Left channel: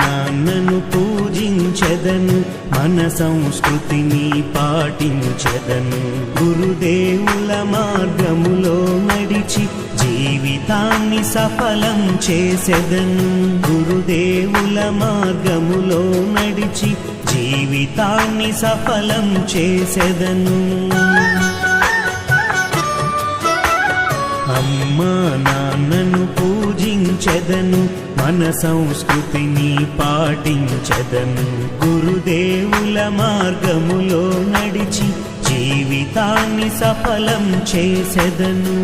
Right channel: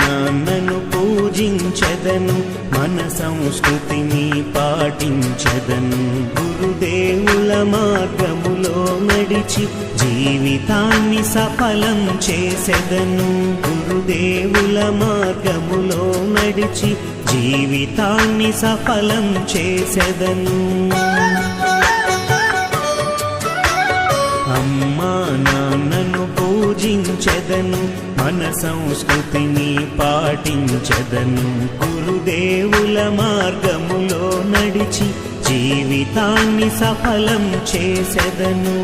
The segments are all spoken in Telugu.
నాన్నను పూజించెదను, మన సంస్కృతిని పాటించెదను. గురుదేవుల మార్గములో నడిచి జీవితాన్ని సఫలం చేసెదను. గురుదేవుల మార్గములో నడిచి జీవితాన్ని సఫలం చేసెదను. అమ్మా నాన్నను పూజించెదను, మన సంస్కృతిని పాటించెదను. గురుదేవుల మార్గములో నడిచి జీవితాన్ని సఫలం చేసెదను.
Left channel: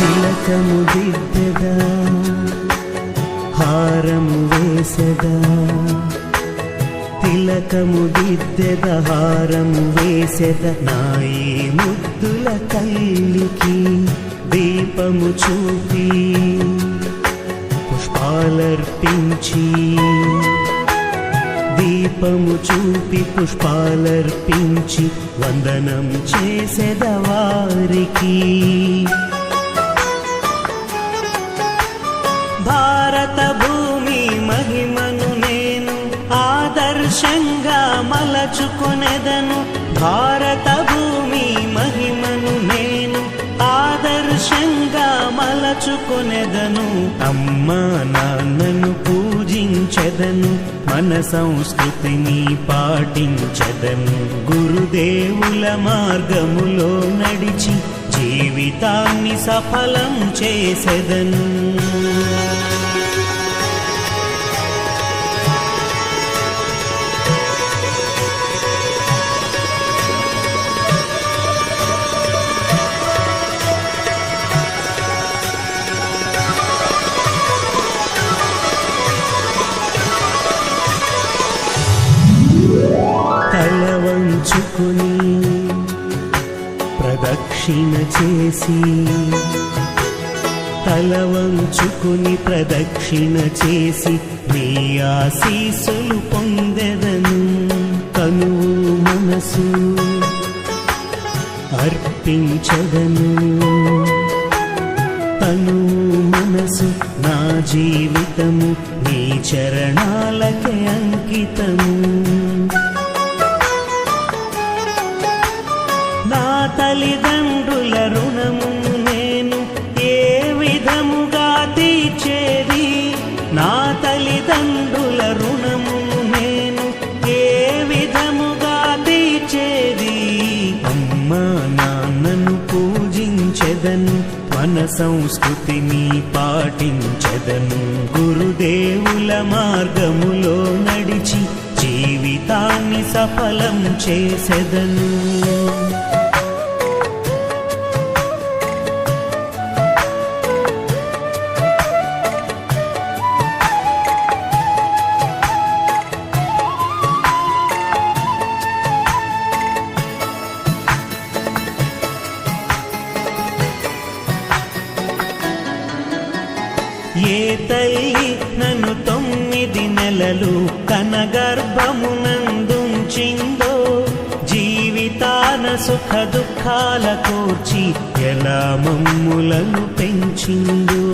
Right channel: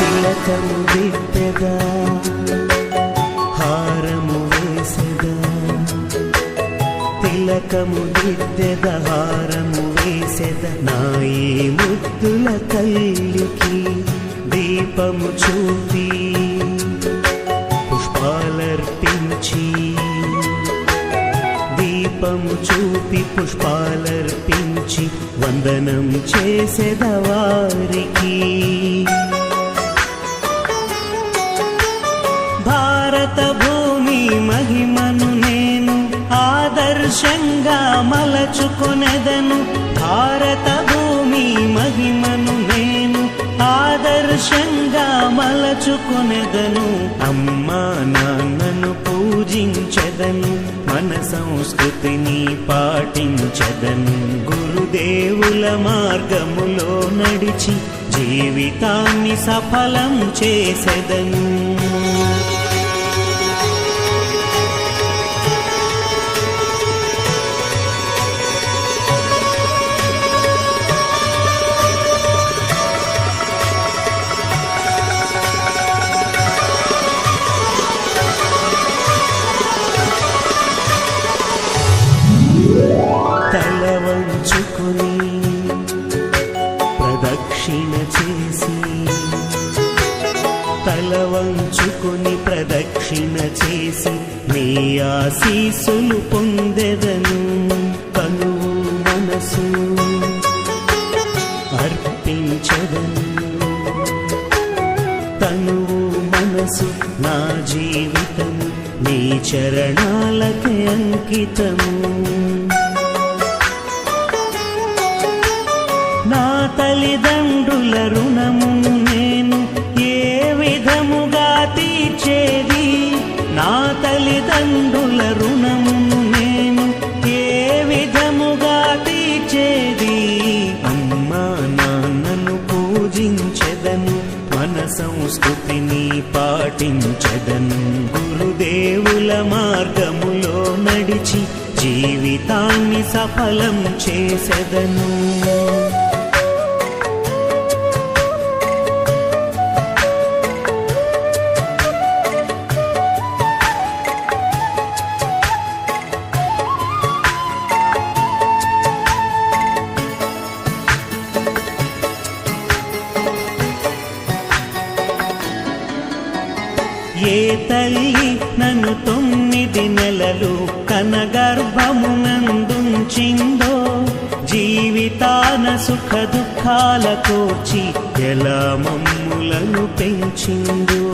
తిలకము దిద్దెదా, హారము వేసెదా. తిలకము దిద్దెదా, హారము వేసెదా. నా ఈ ముద్దుల తల్లికి దీపము చూపి పుష్పాలర్పించి, దీపము చూపి పుష్పాలర్పించి వందనం చేసెదా వారికి. భారత భూమి మహిమను నేను ఆదర్శంగా మలచుకొనెదను. భారత భూమి మహిమను నేను ఆదర్శంగా మలచుకొనెదను. అమ్మా నాన్నను పూజించెదను, మన సంస్కృతిని పాటించెదను. గురుదేవుల మార్గములో నడిచి జీవితాన్ని సఫలం చేసెదను. తల వంచుకొని ప్రదక్షిణ చేసి, తల వంచుకొని ప్రదక్షిణ చేసి నీ ఆశీస్సులు పొందెదను. తనువు మనసు అర్పించెదను, తనువు మనసు నా జీవితము నీ చరణాలకే అంకితము. నా తల్లిదండ్రుల రుణమును నేను ఏ విధముగా తీర్చేది. నా తల్లిదండ్రుల రుణమును నేను ఏ విధముగా తీర్చేది. అమ్మా నాన్నను పూజించెదను, మన సంస్కృతిని పాటించెదను. గురుదేవుల మార్గములో నడిచి జీవితాన్ని సఫలం చేసెదను. ఏ తల్లి నన్ను 9 నెలలు తన గర్భమునందుంచిందో, జీవితాన సుఖ దుఃఖాల కోర్చి ఎలా మమ్ములను పెంచిందో.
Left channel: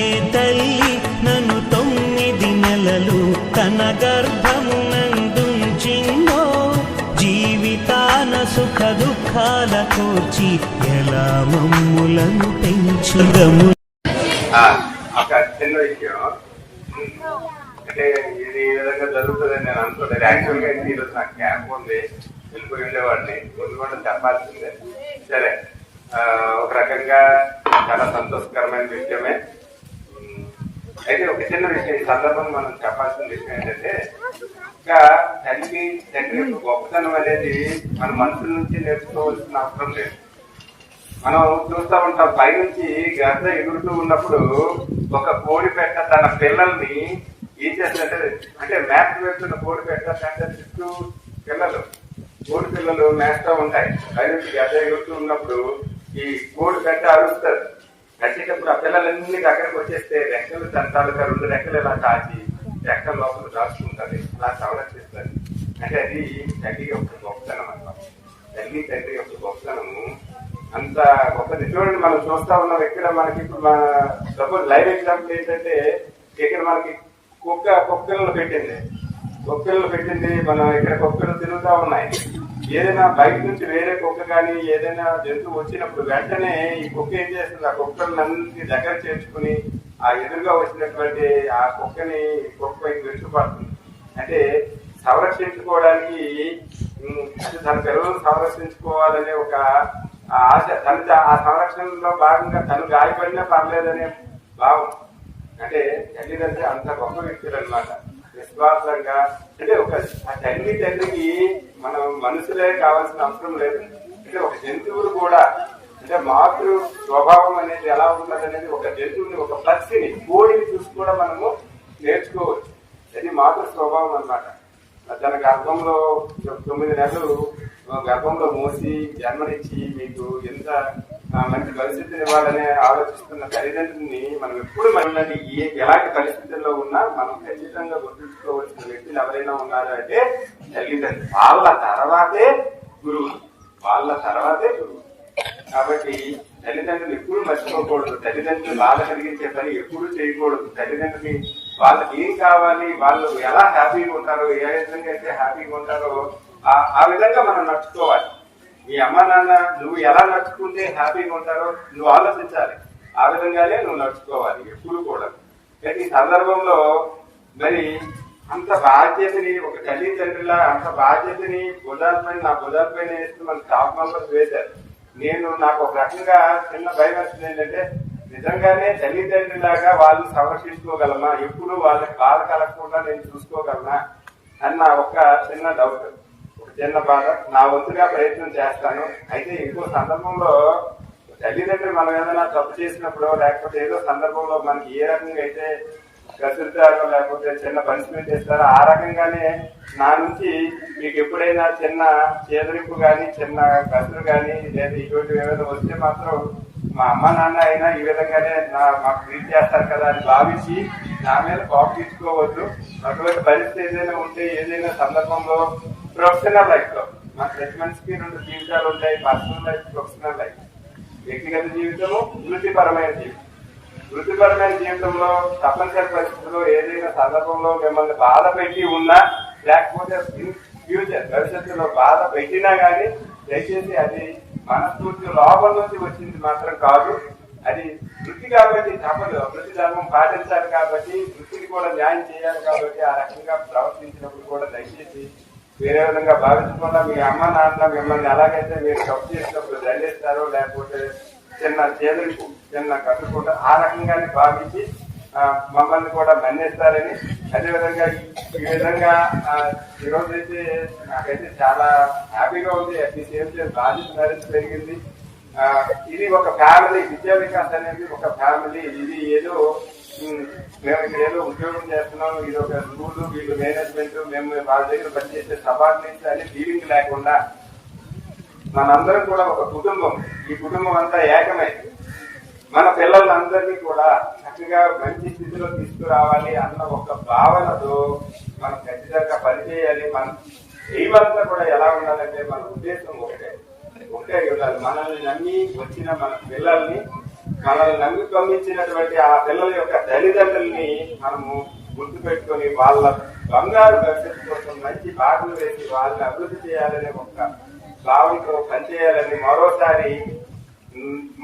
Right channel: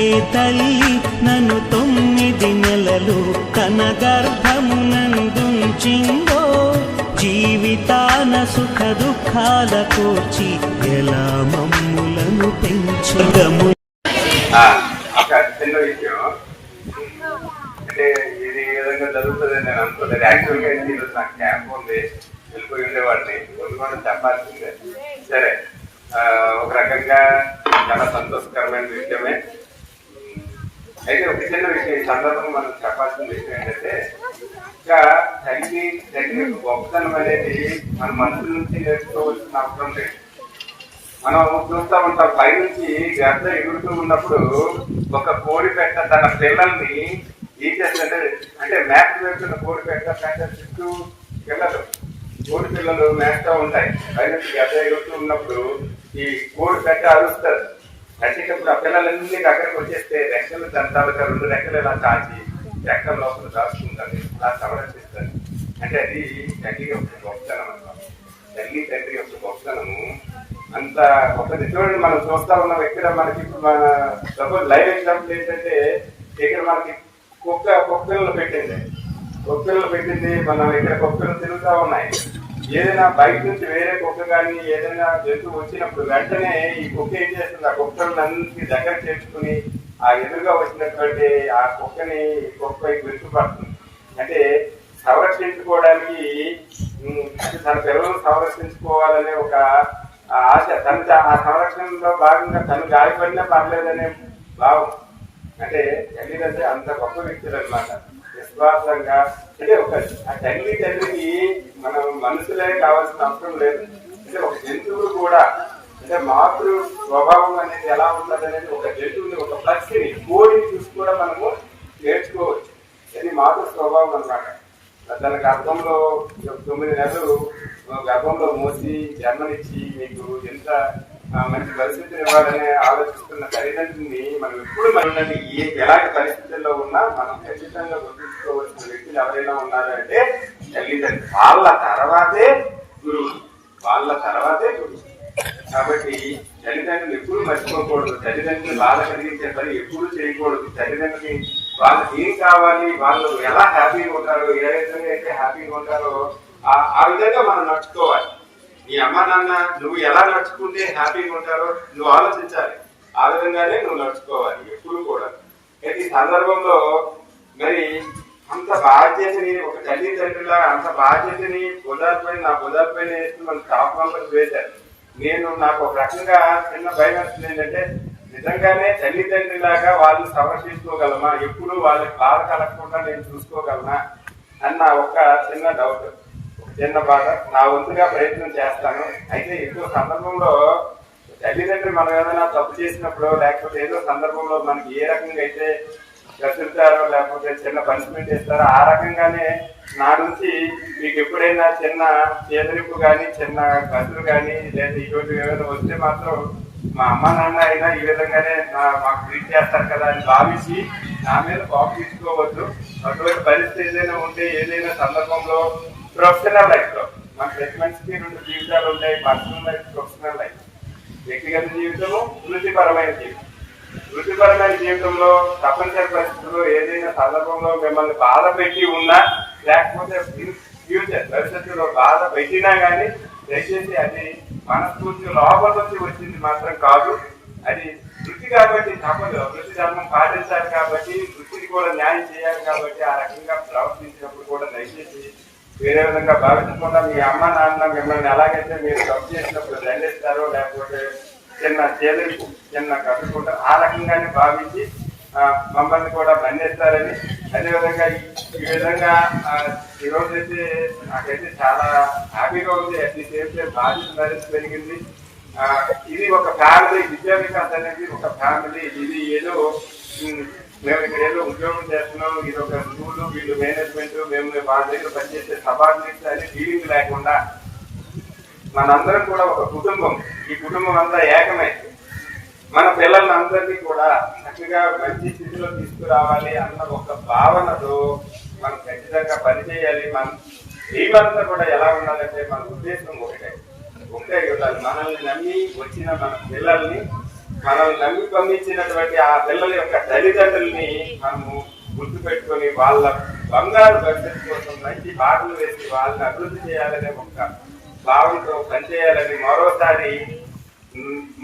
ఏ తల్లి నన్ను 9 నెలలు తన గర్భమునందుంచిందో, జీవితాన సుఖ దుఃఖాల కోర్చి ఎలా మమ్ములను పెంచిందము. చిన్న విషయం అంటే ఇది ఈ విధంగా జరుగుతుందని నేను అనుకోలేదు. యాక్చువల్గా ఈరోజు నాకు క్యాంప్ ఉంది, వెళ్ళిపోయి ఉండేవాడిని, కూడా చెప్పాల్సిందే. సరే, ఒక రకంగా చాలా సంతోషకరమైన విషయమే. అయితే ఒక చిన్న విషయం ఈ సందర్భంగా మనం చెప్పాల్సిన విషయం ఏంటంటే, ఇంకా తల్లి తండ్రి గొప్పతనం అనేది మన మనసు నుంచి నేర్చుకోవాల్సిన అవసరం లేదు. మనం చూస్తూ ఉంటాం, పైనుంచి గద్ద ఎగురుతూ ఉన్నప్పుడు ఒక కోడి పెట్ట తన పిల్లల్ని ఈ చేస్తుంటే, అంటే మ్యాప్ వేస్తున్న కోడి పెట్ట చుట్టూ పిల్లలు కోడి పిల్లలు మేస్తూ ఉంటాయి. పైన గడ్డ ఎగురుతూ ఉన్నప్పుడు ఈ కోడి గడ్డ అరుస్తారు. కట్టేటప్పుడు ఆ పిల్లలన్నీ అక్కడికి వచ్చేస్తే రెక్కలు తంటాలుగా 2 రెక్కలు ఇలా కాచి రెక్కల లోపల దాచుకుంటారు, ఇలా సంరక్షిస్తారు. అంటే అది తల్లి యొక్క గొప్పతనం అన్నమాట. తల్లి తండ్రి యొక్క గొప్పతనము అంత గొప్పది. చూడండి, మనం చూస్తా ఉన్నాం ఇక్కడ మనకి ఇప్పుడు సపోజ్ లైవ్ ఎగ్జాంపుల్ ఏంటంటే ఇక్కడ మనకి కుక్కలను పెట్టింది. మనం ఇక్కడ కుక్కలు తిరుగుతా ఉన్నాయి. ఏదైనా బయట నుంచి వేరే కుక్క కానీ ఏదైనా జంతువు వచ్చినప్పుడు వెంటనే ఈ కుక్క ఏం చేస్తుంది, ఆ కుక్కలన్నింటినీ దగ్గర చేర్చుకుని ఆ ఎదురుగా వచ్చినటువంటి ఆ కుక్కని కుక్కపై విరుచుపడుతుంది. అంటే సంరక్షించుకోవడానికి, తన పిల్లలను సంరక్షించుకోవాలనే ఒక ఆశ, ఆ సంరక్షణలో భాగంగా తను గాయపడినా పర్లేదనే భావం. అంటే తల్లిదండ్రి అంత గొప్ప వ్యక్తులు అన్నమాట. విశ్వాసంగా అంటే ఒక తల్లి తండ్రికి మనం మనుషులే కావాల్సిన అవసరం లేదు. అంటే ఒక జంతువులు కూడా అంటే మాతృ స్వభావం అనేది ఎలా ఉన్నది అనేది ఒక జంతువుని, ఒక పక్షిని, కోడిని చూసి కూడా మనము నేర్చుకోవచ్చు. అది మాతృ స్వభావం అన్నమాట. తన గర్భంలో 9 నెలలు గర్భంలో మోసి జన్మనిచ్చి మీకు ఎంత మంచి పరిస్థితిని ఇవ్వాలని ఆలోచిస్తున్న తల్లిదండ్రుల్ని మనం ఎప్పుడు మనం ఎలాంటి పరిస్థితుల్లో ఉన్నా మనం ఖచ్చితంగా గుర్తుంచుకోవాల్సిన వ్యక్తులు ఎవరైనా ఉన్నారు అంటే తల్లిదండ్రులు. వాళ్ళ తర్వాతే గురువు. కాబట్టి తల్లిదండ్రులు ఎప్పుడు మర్చిపోకూడదు. తల్లిదండ్రులు వాళ్ళ కలిగించే పని ఎప్పుడు చేయకూడదు. తల్లిదండ్రులకి వాళ్ళకి ఏం కావాలి, వాళ్ళు ఎలా హ్యాపీగా ఉంటారో, ఏ విధంగా అయితే హ్యాపీగా ఉంటారో ఆ విధంగా మనం నడుచుకోవాలి. నీ అమ్మ నాన్న నువ్వు ఎలా నడుచుకుంటే హ్యాపీగా ఉంటారో నువ్వు ఆలోచించాలి. ఆ విధంగానే నువ్వు నడుచుకోవాలి ఎప్పుడు కూడా. అయితే ఈ సందర్భంలో మరి అంత బాధ్యతని ఒక తల్లిదండ్రులా అంత బాధ్యతని నా భుజాలపైన వేసి మన తాపంలో వేశారు. నాకు ఒక రకంగా చిన్న భయం వస్తుంది ఏంటంటే, నిజంగానే తల్లిదండ్రులాగా వాళ్ళు సంరక్షించుకోగలమా, ఎప్పుడు వాళ్ళకి బాధ కలగకుండా నేను చూసుకోగలనా అన్న ఒక చిన్న డౌట్, ఒక చిన్న బాధ. నా వంతుగా ప్రయత్నం చేస్తాను. అయితే ఎక్కువ సందర్భంలో తల్లిదండ్రులు మనం ఏదైనా తప్పు చేసినప్పుడు లేకపోతే ఏదో సందర్భంలో మనకి ఏ రకంగా అయితే కసురుతారో లేకపోతే చిన్న పనిష్మెంట్ ఇస్తారో ఆ రకంగానే నా నుంచి మీకు ఎప్పుడైనా చిన్న చేదరింపు కానీ చిన్న కసురు కానీ లేదా ఇటువంటి ఏమైనా వస్తే మాత్రం మా అమ్మ నాన్న అయినా ఈ విధంగానే మాకు ట్రీట్ చేస్తారు కదా అని భావించి నా మీద కోపం తీసుకోవద్దు. ఒకవేళ పరిస్థితి ఏదైనా ఉంటే ఏదైనా సందర్భంలో ప్రొఫెషనల్ లైఫ్ లో మాకు ప్రతి మనిషికి 2 జీవితాలు ఉంటాయి. Personal life, professional life. వ్యక్తిగత జీవితము, వృత్తిపరమైన జీవితం. వృత్తిపరమైన జీవితంలో తప్పనిసరి పరిస్థితుల్లో ఏదైనా సందర్భంలో మిమ్మల్ని బాధ పెట్టి ఉన్నా లేకపోతే ఫ్యూచర్ భవిష్యత్తులో బాధ పెట్టినా కానీ దయచేసి అది మనస్ఫూర్తి లోపల నుంచి వచ్చింది మాత్రం కాదు. అది వృత్తి కాబట్టి తప్పదు. వృత్తి ధర్మం పాటించాలి కాబట్టి, వృత్తికి కూడా న్యాయం చేయాలి కాబట్టి ఆ రకంగా ప్రవర్తించినప్పుడు కూడా దయచేసి వేరే విధంగా భావించకుండా మీ అమ్మ నాన్న మిమ్మల్ని ఎలాగైతే మీరు తప్పు చేసినప్పుడు దండిస్తారో లేకపోతే చిన్న చేదరిపు చిన్న కట్టుకుంటా ఆ రకంగానే భావించి మమ్మల్ని కూడా మన్నిస్తారని, అదేవిధంగా ఈ విధంగా ఈరోజు అయితే నాకైతే చాలా హ్యాపీగా ఉంది. అట్ ది సేమ్ టైం బాధ్యత మరింత పెరిగింది. ఇది ఒక ఫ్యామిలీ, విద్యా వికాస్ అనేది ఒక ఫ్యామిలీ. ఇది ఏదో మేము ఇక్కడ ఏదో ఉద్యోగం చేస్తున్నాం, ఇది ఒక స్కూల్, వీళ్ళు మేనేజ్మెంట్, మేము వాళ్ళ దగ్గర పనిచేసే సబార్డినేట్స్ అని ఫీలింగ్ లేకుండా మనందరం కూడా ఒక కుటుంబం. ఈ కుటుంబం అంతా ఏకమై మన పిల్లలందరినీ కూడా చక్కగా మంచి స్థితిలో తీసుకురావాలి అన్న ఒక భావనతో మనం ఖచ్చితంగా పనిచేయాలి. మనం ఏమంతా కూడా ఎలా ఉండాలంటే మన ఉద్దేశం ఒకటే ఉండాలి. మనల్ని నమ్మి వచ్చిన మన పిల్లల్ని, మనల్ని నమ్మి పంపించినటువంటి ఆ పిల్లల యొక్క తల్లిదండ్రుల్ని మనము గుర్తు పెట్టుకొని వాళ్ళ బంగారు భవిష్యత్తు కోసం మంచి బాటలు వేసి వాళ్ళని అభివృద్ధి చేయాలనే ఒక భావంతో పనిచేయాలని మరోసారి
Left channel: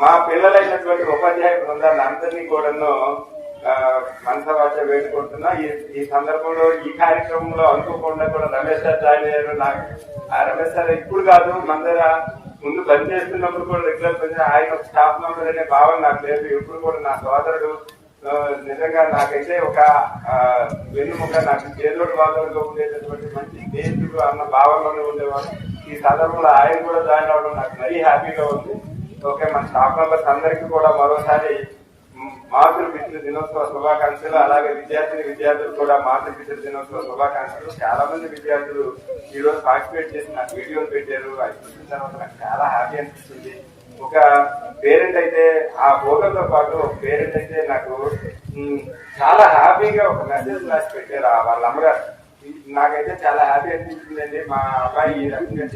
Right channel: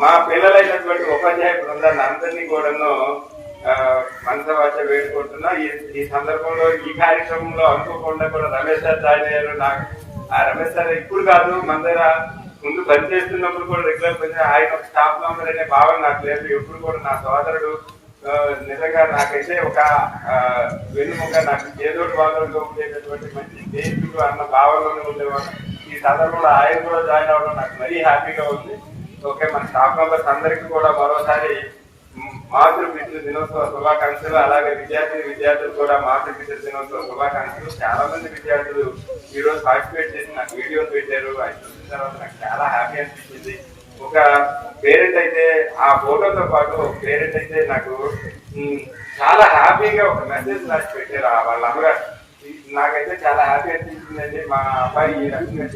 మా పిల్లలైనటువంటి ఉపాధ్యాయ బృందాన్ని అందరినీ కూడాను మనసవాచ వేడుకుంటున్నా. ఈ సందర్భంలో ఈ కార్యక్రమంలో అనుకోకుండా కూడా రమేష్ సార్ జాయిన్ అయ్యారు. నాకు ఆ రమేష్ సార్ ఇప్పుడు కాదు, మన దగ్గర ముందు పనిచేస్తున్నప్పుడు కూడా రెగ్యులర్ పని, ఆయన ఒక స్టాఫ్ మెంబర్ అనే భావన నాకు లేదు. ఎప్పుడు కూడా నా సోదరుడు నిజంగా నాకైతే ఒక వెన్నుముక, నాకు చేదోడు వాళ్ళతో ఉండేటటువంటి మంచి స్నేహితుడు అన్న భావనలోనే ఉండేవాడు. ఈ సందర్భంలో ఆయన కూడా జాయిన్ అవ్వడం నాకు మరీ హ్యాపీగా ఉంది. ఓకే, మన స్టాఫ్ మెంబర్స్ అందరికీ కూడా మరోసారి మాతృపితృ దినోత్సవ శుభాకాంక్షలు. అలాగే విద్యార్థులు కూడా మాతృపితృ దినోత్సవ శుభాకాంక్షలు. చాలా మంది విద్యార్థులు ఈ రోజు పార్టిసిపేట్ చేసి నాకు వీడియోలు పెట్టారు. అది చూసిన తర్వాత నాకు చాలా హ్యాపీ అనిపించింది. ఒక పేరెంట్ అయితే ఆ ఫోటోతో పాటు ఒక పేరెంట్ అయితే నాకు చాలా హ్యాపీగా ఒక మెసేజ్ రాసి పెట్టారు వాళ్ళ అమ్మగారు. నాకైతే చాలా హ్యాపీ అనిపించిందండి. మా అబ్బాయి ఈ రకంగా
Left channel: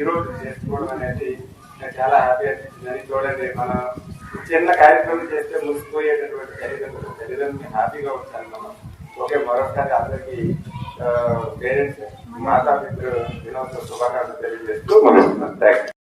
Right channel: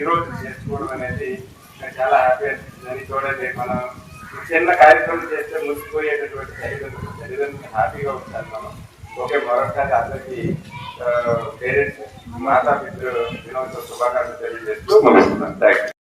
ఈ రోజు చేసుకోవడం అనేది నాకు చాలా హ్యాపీ అనిపించింది. చూడండి, మనం చిన్న కార్యక్రమం చేస్తే ముసిపోయేటటువంటి తల్లిదండ్రులు హ్యాపీగా ఉంటాను మనం. ఓకే, మరొకసారి అందరికీ పేరెంట్స్ మాతాపితృ దినోత్సవ శుభాకాంక్షలు తెలియజేస్తూ మనం